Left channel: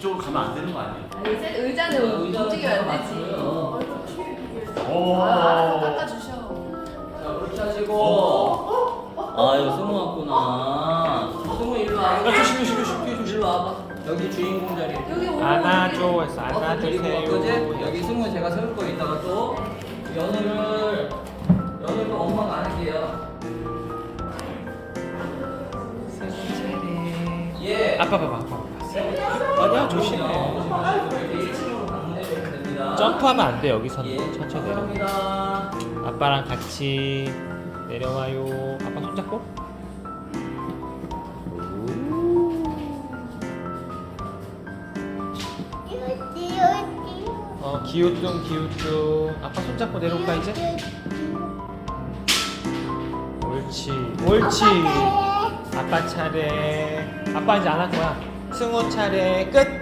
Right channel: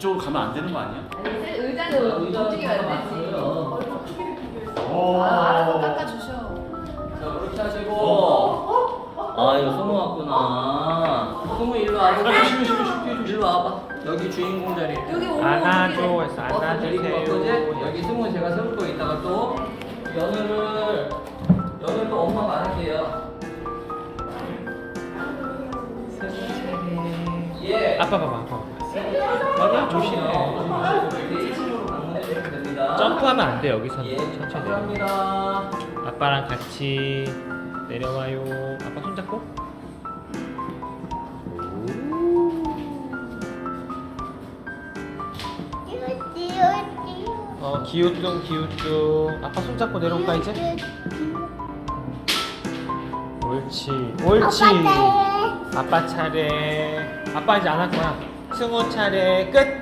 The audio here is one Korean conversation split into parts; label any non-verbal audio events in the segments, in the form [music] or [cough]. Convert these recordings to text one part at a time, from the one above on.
이쪽으로 가면 안 되는 거 아니야? 아니, 세- 의자는 움직이면 안 되지. 오. 아, 알아서 닦아주셔. 자 그렇게 하시고. 아 이거 승우 왔구나. 승우 일로 와. 아, 조심해, 조심해, 조심해. 일로 와봐. 여기 주인공 자리. 여기 오면 안아줘 안아주세요. 여기 승우 제가 세울 거 이따가 또. 연우를 연우를 엄마가 안 할게요 예. 아빠 봐봐 아빠. 봐봐. 아니야 조심해. 이렇게 1층으로 방문해주시면 됩니다 점프하면 안 돼 여기서는 예 천천히. 감사합니다 아빠랑 같이 내려와요. 아빠 손 잡고. 어 기우뚱 기우뚱. 아빠 손 잡고 내려올까 이제? 옳지 옳지. 아빠 차례. 아빠 이제 안 할 거야. 승호 차례 끝.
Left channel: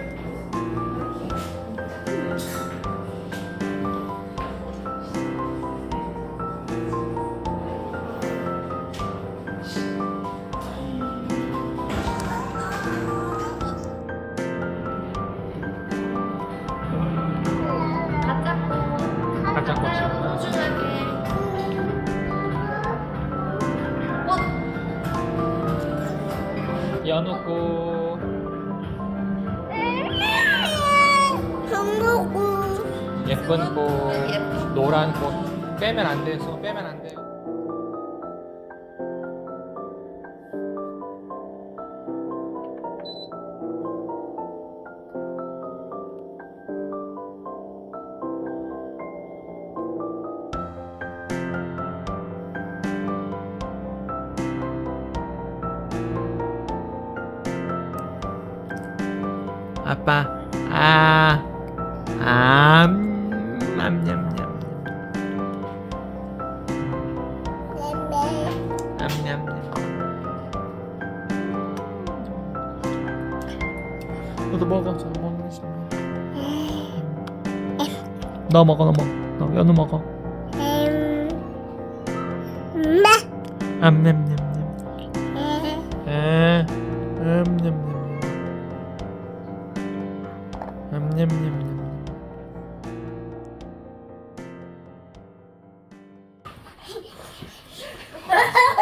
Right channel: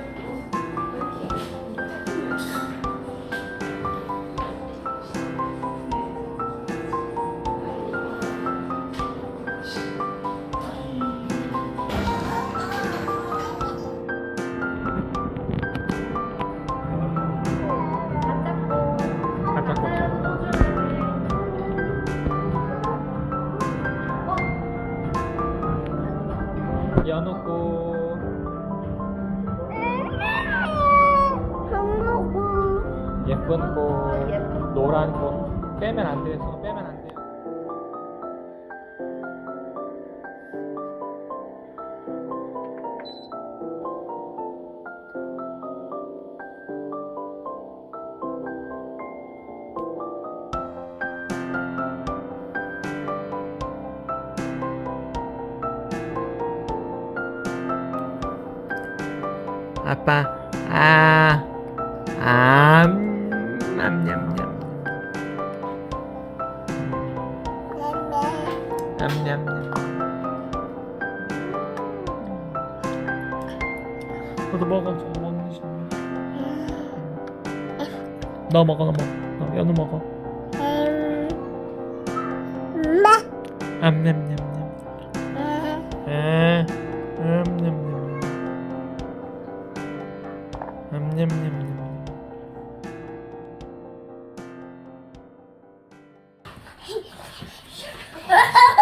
꾸준하게. 연우 고 예쁜 꽃 예쁜 노란 꽃 빼면 안 돼서 빼면 안 돼요. 아빠 아 암, 암냠냠 암냠냠. 너도 먹어. 저 먹는 싶네. 너 먹어 너 먹어. 너 연우 먹어. 암냠냠냠. 에 암냠냠냠 암냠냠냠 ha [laughs] ha